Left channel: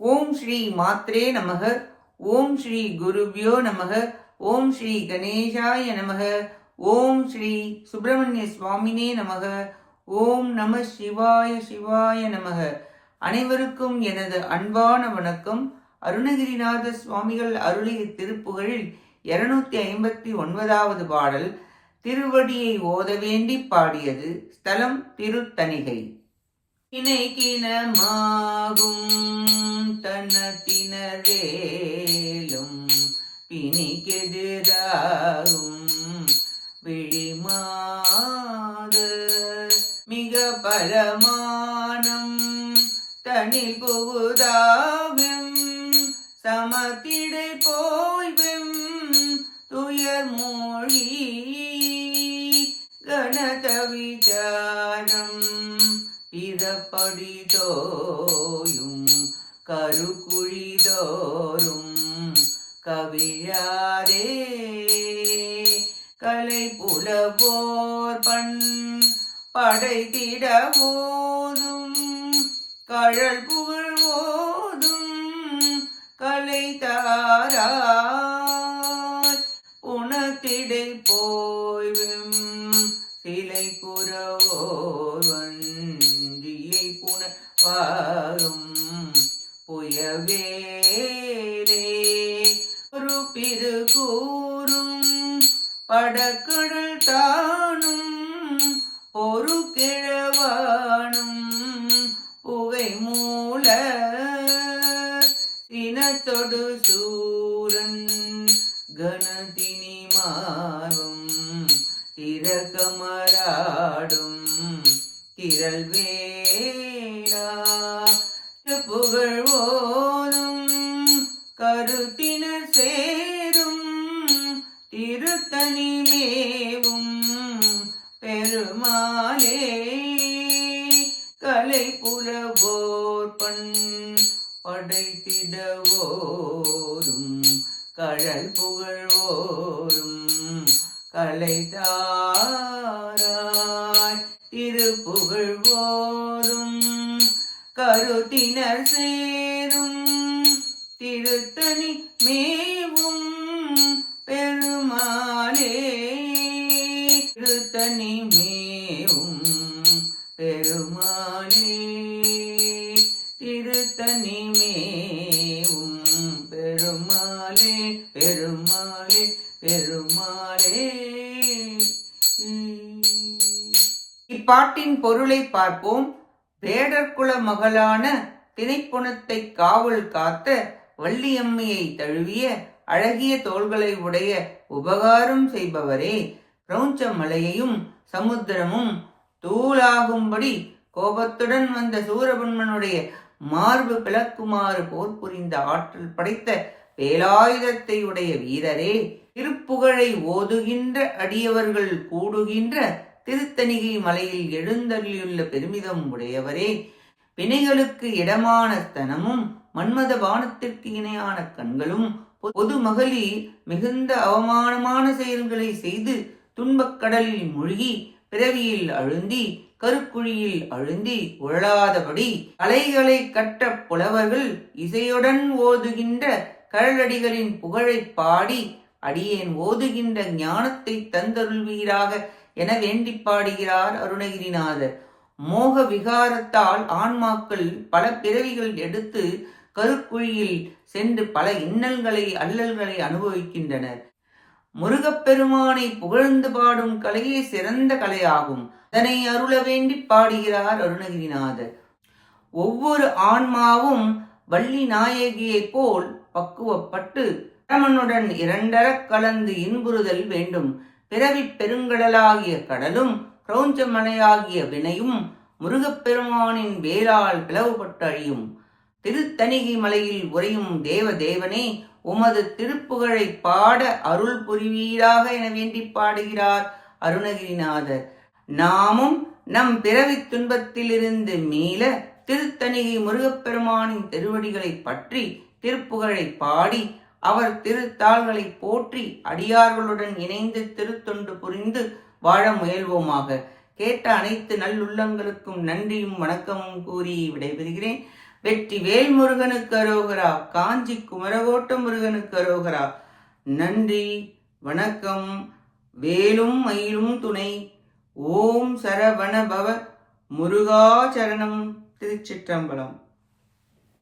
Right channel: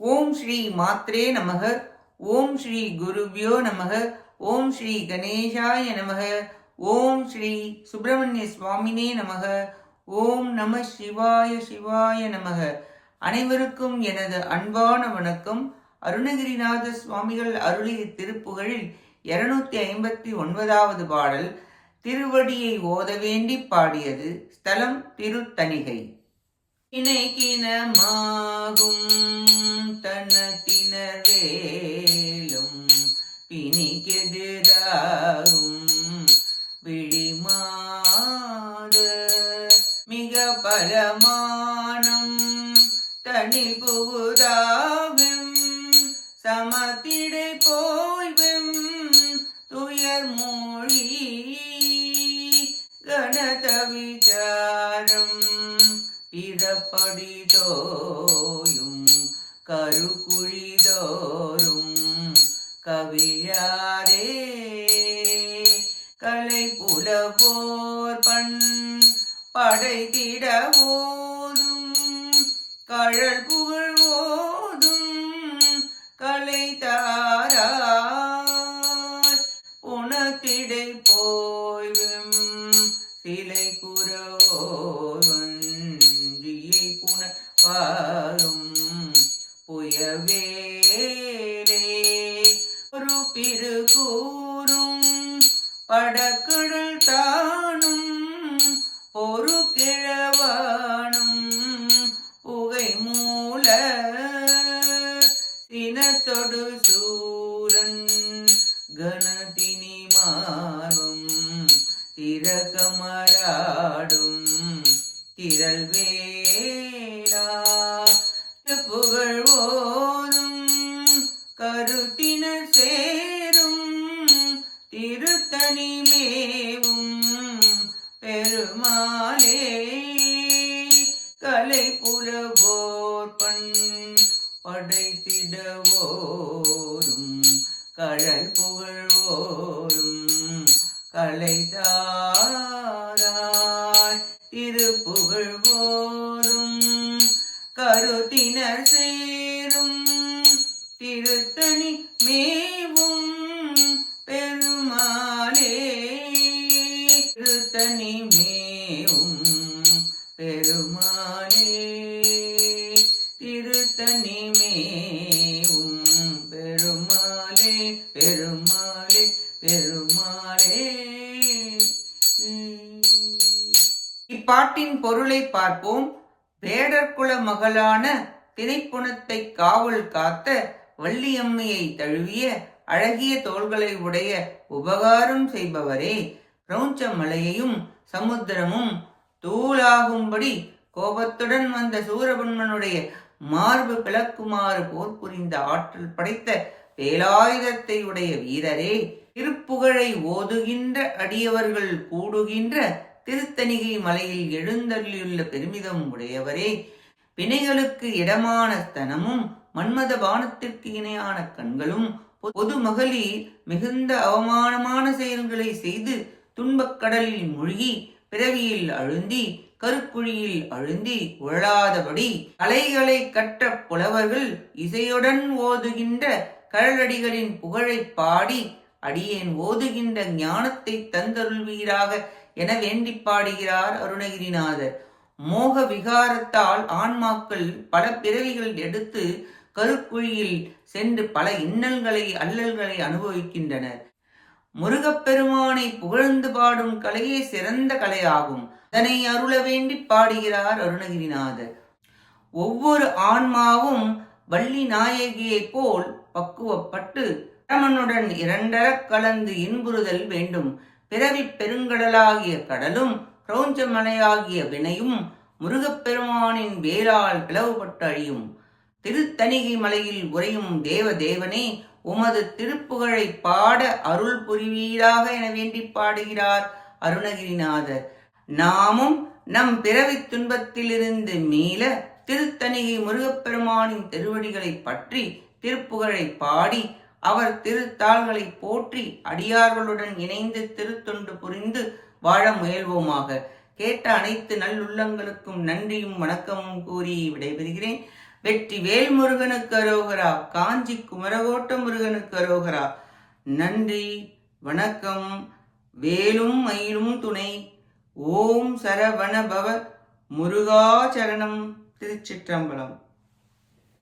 ஓம் ஸ்ரீ மாத்ரே நமக. ஓம் ஸ்ரீ குருபியோ நமக. ஓம் ஸ்ரீ கணேசாய நமக. ஓம் ஸ்ரீ சுப்பிரமணிய சுவாமினே நமக. ஓம் நம சிவாய சிவாய நமக. அனைவருக்கும் எனது அன்பான வணக்கம். அருணகிரிநாத சுவாமிகள் அருளிய திருப்புகழில் 259வது பாடல். திருவடியை ஓத வேண்டி பாடியது. ஸ்தலம் திருத்தணிகை. இணைக்கினமாகும் தனத்தினவேலும் பிணிக்கெதிராகும் விழிமாத மிக பலமானம் தனில் புகுதாகும் சமத்திடை போய்வெம் துயர் மொழி கனத விசாரம் பிறப்படிதோயும் கருக்குழிதோறும் கவிழாரே கலை புலவோர் பண் படைத்திட ஓதும் கழல் புகழ் ஓதும் கலை தாராய் உனத்திடை போய்வெம் சிலை குறவோர் வஞ்சியை புனவாரும் புயவேலே ஒரு பிறகூறும் படக்கடல் தானும் ஒரு கிழவானும் புகை மூல சினத்தொடு சூரன் கணதினி மார்பம் திரகமராடும் திரள் வேளா புகழ் ஓதும் கருத்தினர் சேரும் திருத்தணி மேவும் பெருமாளே கலை புலவோர் பண் படைத்திடவோரும் கழல் புகழ்வோரும் கலைதாராய் திருப்புகழ்வோரும் கருத்தினர் சேரும் திருத்தணி மேவும் பெருமாளே திருத்தணி மேவும் பெருமாளே திருத்தணி மேவும் பெருமாளே பெருமாளே பெருமாளே. இப்பாட்டின் பொருளை பார்ப்போம். வேடர்குல மகளான திணைப்புணத்தை காவல் காத்த வள்ளியம்மையை தழுவிய அழகிய தோள்களை உடைய உபகாரம் செய்பவரே, கிரௌஞ்ச மலையையும் சமுத்திரமும் தூளாகும்படி கோபத்துடன் வந்த சூரபன்மனுடைய மார்பு பிளக்குமாறு போர் புரிந்த ஆற்றல் படைத்த வேலாயுதத்தை உடைய வீரரே, திருப்புகழை ஓதுகின்ற அடியவர்கள் கூடுகின்ற திருத்தணிகை மலையில் எழுந்தள்ளியுள்ள பெருமிதம் உடையவரே, வினைகளுக்கு இடமான ஸ்தனமும் மன்மத பானத்திற்கு இணையான கண்களும் பொது மகளிர் மிகுந்த அவமானமான செயல்களை செய்து துன்பக் கடலில் மூழ்கி பிறவியில் அழுந்தி கருக்குழியில் அழுந்தி உழலாதபடி கலைகளை கற்ற புலவர்கள் இசையுடன் ஓதுகின்ற கழலடிகளின் புகழை பாடி அடியேன் ஓதுகின்ற ஞானத்தை தந்தருள்வீராக என வேண்டி பாடுகிறார் அருணகிரிநாதர். மோக விகாரத்தால் ஆன்மாக்கள் பல பிறவிகள் எடுத்து கருக்குழியில் சென்று பல இன்னல்களை அல்லல்களை அனுபவிக்கின்றனர். முருகப்பெருமானை புகழ்ந்து பாடும் கலையே சிறந்த கலையாகும். அதனை அருள வேண்டி பாடுகிறார் அருணகிரிநாதர். ஒவ்வொரு ஆன்மாவும் வள்ளி நாயகியைப் போல் பக்குவப்பட்டு பரமனுடன் இரண்டரக் கலந்து இன்புறுதல் வேண்டும். பிறவி பெருங்கடலாகிய கடலும் கிரௌஞ்ச மலையாகிய வினையும் முருகப்பெருமானின் வேலால் பிளவுபட்டு அழியும். திருத்தணிகை மலையில் உறையும் தேவதேவனே, உமது திருப்புகழை பாட அருள் புரிவீராக என வேண்டி பாடுகிறார் அருணகிரிநாதர். நாமும் நம் பிறவி துன்பத்திலிருந்து மீள திருத்தணிகை முருகப்பெருமானின் திருவடிகளை பற்றி திருப்புகழை பாடி அவர் திருத்தாள்களை போற்றி அடியார்களுடன் இணைந்து திருத்தொண்டு புரிந்து வாழ முயல்வோமாக. கேட்ட அனைத்து நல்லுள்ளங்களுக்கும் நன்றியும் வணக்கமும் கூறி விடைபெறுகிறேன். வெற்றிவேல் முருகனுக்கு அரோகரா. காஞ்சி குமரகோட்ட முருகனுக்கு அரோகரா. நன்றி, வணக்கம். வேலும் மயிலும் துணை. ஓம் சரவண பவ முருகா சரணம். திருச்சிற்றம்பலம்.